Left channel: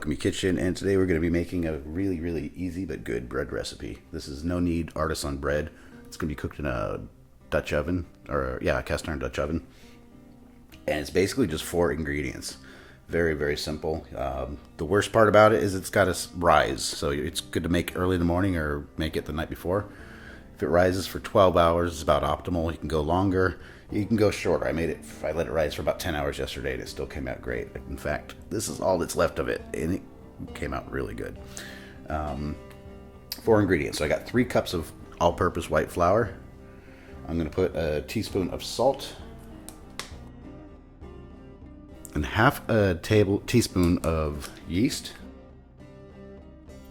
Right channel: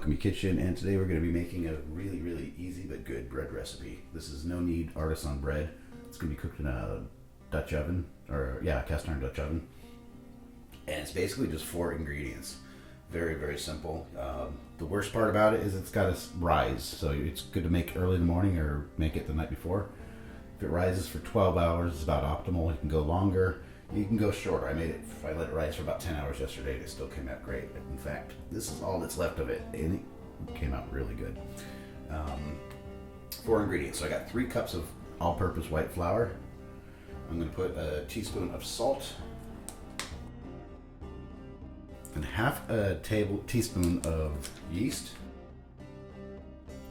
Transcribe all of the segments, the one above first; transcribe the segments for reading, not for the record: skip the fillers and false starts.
Alchemy Kitchen, and today we're going to be making a really easy but good bread recipe. This is no-knead Artisan bread. It's going to be cooked in a Dutch oven, or yeah, a cast iron Dutch oven. And it's basically just 4 ingredients. Very simple. The worst part about it is it's got to rise, so it's good to make early in the morning or make it the night before. If it rises for 12 hours, it's about optimal. You can go longer. You can go short. I let it rise for about 10 hours yesterday, and it still came out great. In fact, this is all that's left of it, and it came out really good. 4 ingredients. So I got 3 cups of all-purpose white flour. I'm going to put a teaspoon of salt and half a teaspoon of yeast.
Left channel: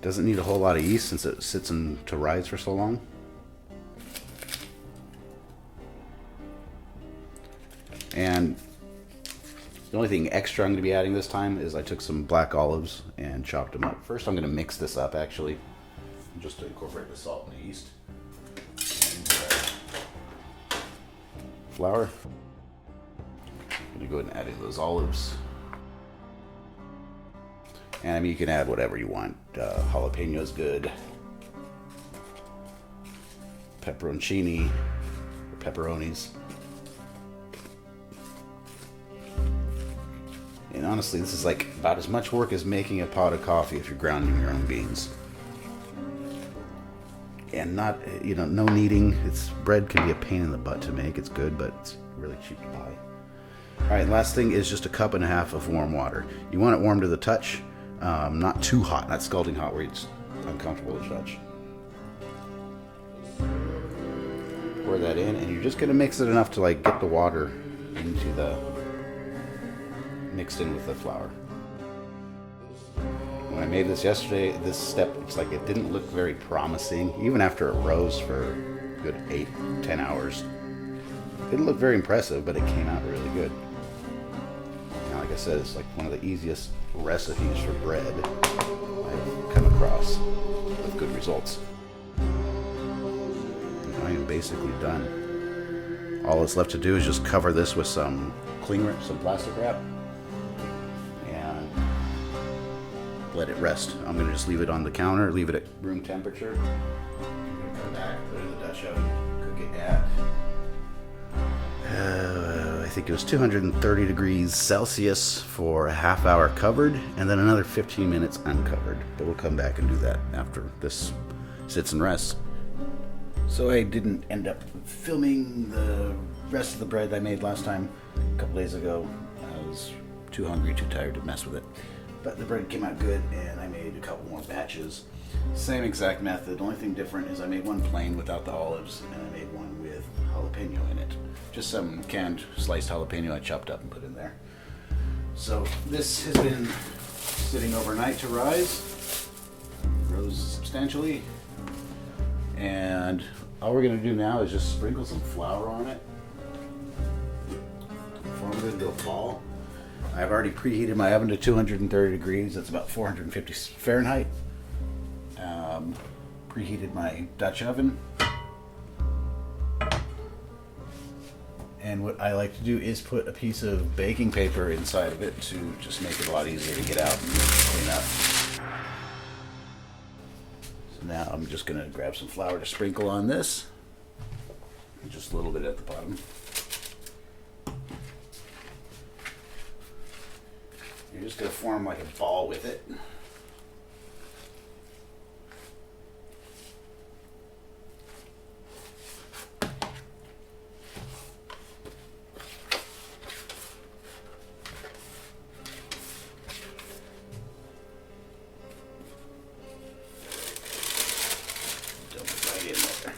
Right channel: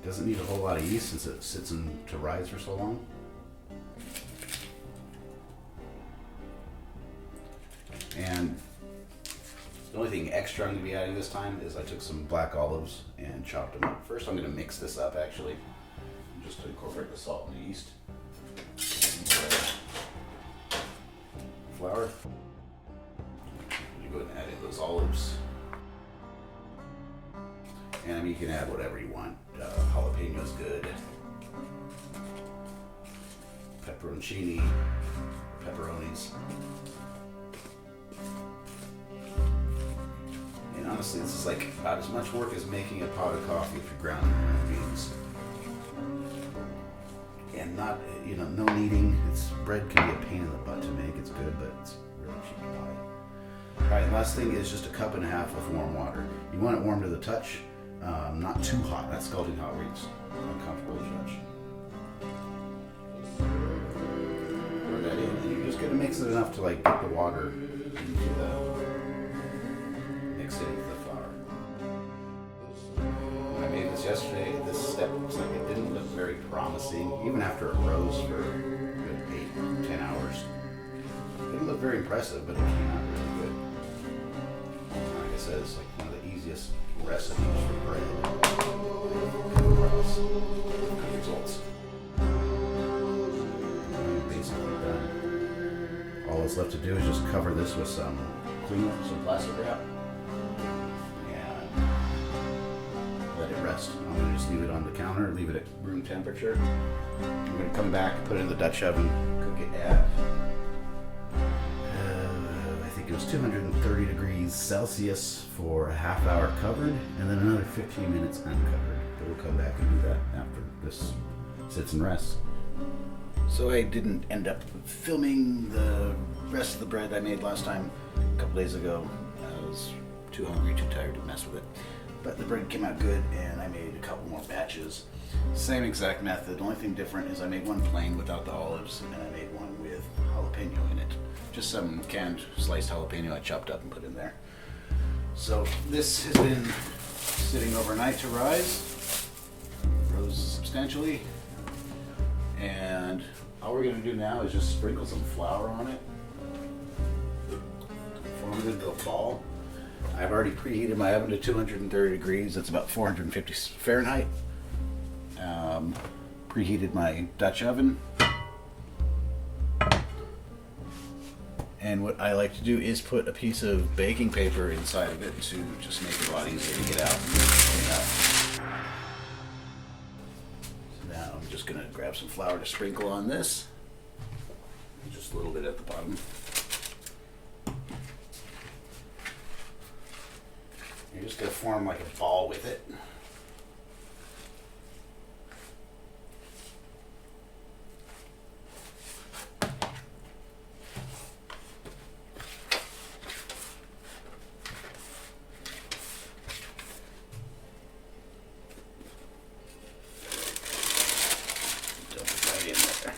Doesn't need a whole lot of yeast since it sits to rise for so long. And the only thing extra I'm going to be adding this time is I took some black olives and chopped them up. First I'm going to mix this up actually, just to incorporate the salt and the yeast. Flour. I'm going to go ahead and add in those olives. And I mean, you can add whatever you want. Jalapeno is good. Pepperoncini, pepperonis. And honestly, this is like about as much work as making a pot of coffee if you're grounding your own beans. And not, no kneading. Bread can be a pain in the butt to make. It's good, but it's really cheap to buy. All right, last thing is just a 1.5 cups of warm water. You want it warm to the touch, not too hot, not scalding hot where it's uncomfortable to touch. Pour that in, and you're just gonna mix it enough to like get the water into the mixed in with the flour. When I made this yesterday, this step looks like it didn't look very promising. Even after it rose for a good 8-10 hours, it didn't look very impressive, but it came out really good. And like I said, it's like one of the easiest recipes for bread I've come across with good results. Now I'm basically done. All that's left to do is just cover this with some plastic wrap. Let it rest. I'm going to just leave it on the counter, leave it at room temperature. I'm going to come back, put it in the Dutch oven, cook it at, I think it was 230 degrees Celsius for a ½ hour covered, and then another 15 minutes uncovered. But we'll come back and do that after this sits and rests. So I didn't end up filming the rest of the bread I made last time, a couple days ago. I was too hungry, too tired to mess with it. But the bread came out good, and I made a couple more batches. Same exact method. The only thing different is I made one plain without the olives, and I made one with jalapeno in it. Just some canned sliced jalapeno I chopped up and put in there. So this has been sitting overnight to rise. Rose substantially. And all we're going to do now is just sprinkle some flour on it. Form it into a ball. I've already preheated my oven to 230 degrees. That's about 450 Fahrenheit. Preheated my Dutch oven. And what I like to do is put a piece of baking paper inside of it to just make it a lot easier to get out and clean up. So now I'm just going to grab some flour to sprinkle on this. Just a little bit at the bottom. You're just going to form like a ball with it. Dump it right in there.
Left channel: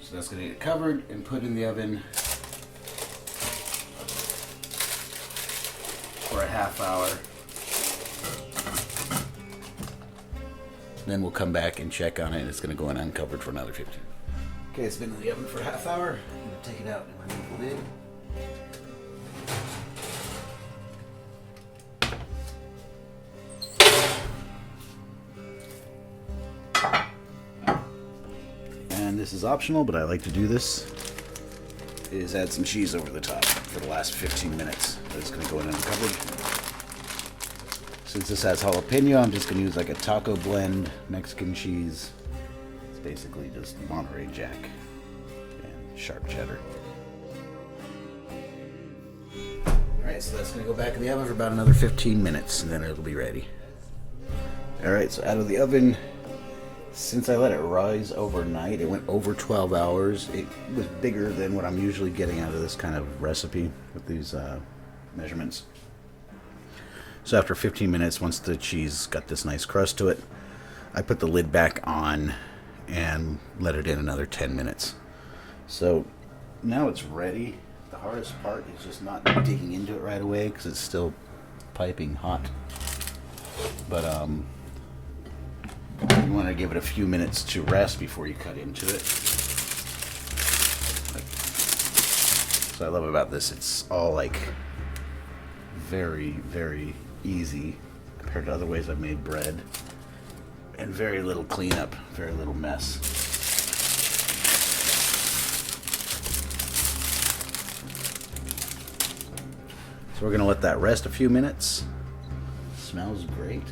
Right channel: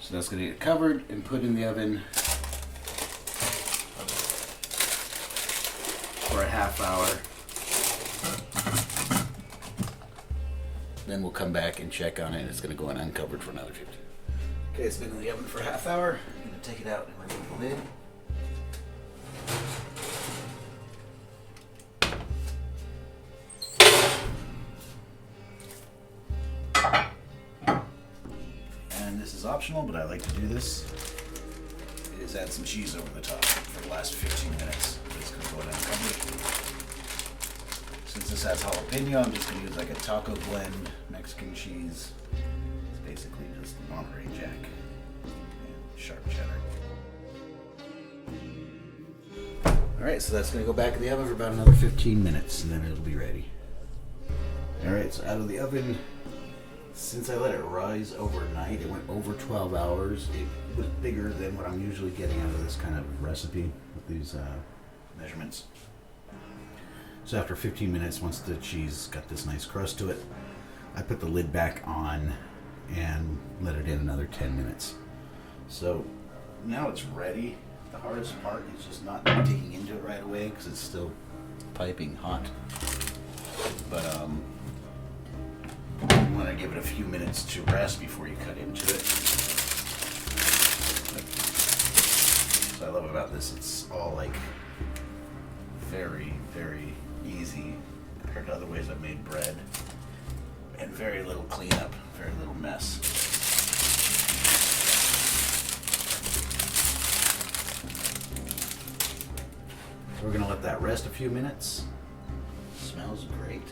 So that's going to get covered and put in the oven for a ½ hour. Then we'll come back and check on it, and it's going to go in uncovered for another 15. Okay, it's been in the oven for a ½ hour. I'm going to take it out and remove the lid. And this is optional, but I like to do this. is add some cheese over the top for the last 15 minutes. It's going to go in uncovered. Since this has jalapeno, I'm just going to use like a taco blend Mexican cheese. It's basically just Monterey Jack and sharp cheddar. Alright, so that's going to go back in the oven for about another 15 minutes and then it'll be ready. Alright, so out of the oven, since I let it rise overnight, it went over 12 hours. It was bigger than what I'm usually getting out of this kind of recipe with these measurements. So after 15 minutes, once the cheese got this nice crust to it, I put the lid back on and let it in another 10 minutes. So now it's ready. The hardest part is just not digging into it right away because it's still piping hot. But you want to give it a few minutes to rest before you cut into it. So I love about this, it's all like very, very easy compared to other ways I've made bread, and very little cleanup, very little mess. So we're going to let that rest a few minutes. Smells great.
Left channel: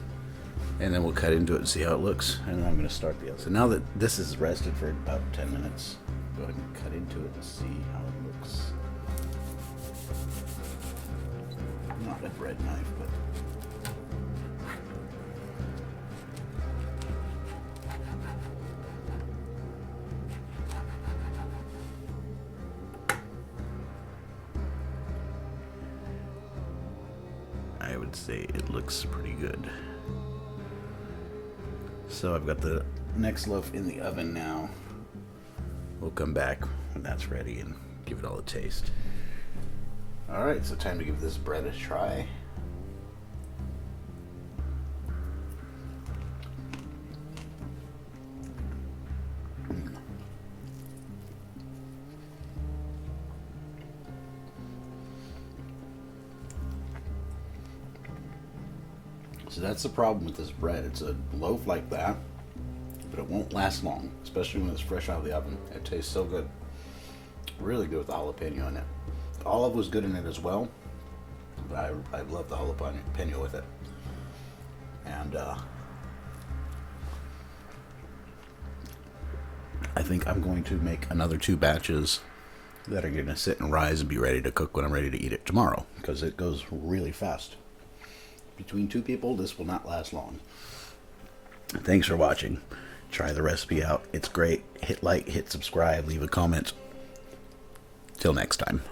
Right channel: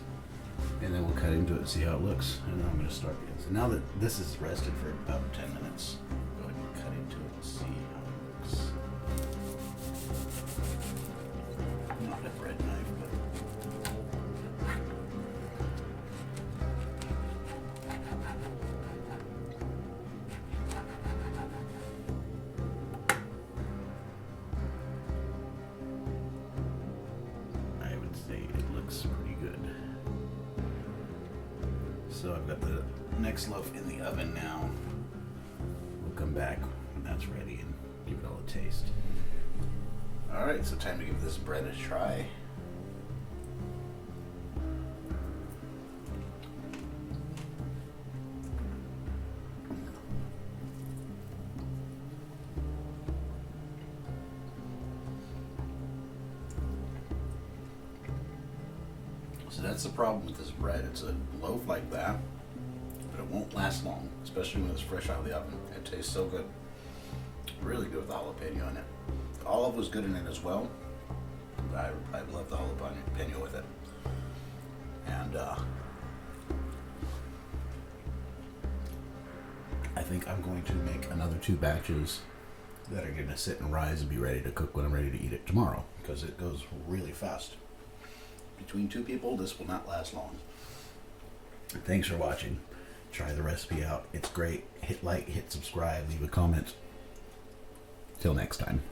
And then we'll cut into it and see how it looks. And then I'm going to start the other. So now that this is rested for about 10 minutes, go ahead and cut into it and see how it looks. Not a bread knife, but I would say it looks pretty good. So I've got the next loaf in the oven now. We'll come back when that's ready and give it all a taste. Alright, so time to give this bread a try. So that's the problem with this bread. It's a loaf like that, but it won't last long, especially when it's fresh out of the oven. It tastes so good. Really good with the jalapeno in it. The olive was good in it as well, but I love the jalapeno with it. And I think I'm going to make another 2 batches that are going to sit and rise and be ready to cook when I'm ready to eat it tomorrow, because it goes really fast. Between 2 people, this will not last long. Thanks for watching. Try the recipe out. It's great. Hit like, hit subscribe, leave a comment. Till next time.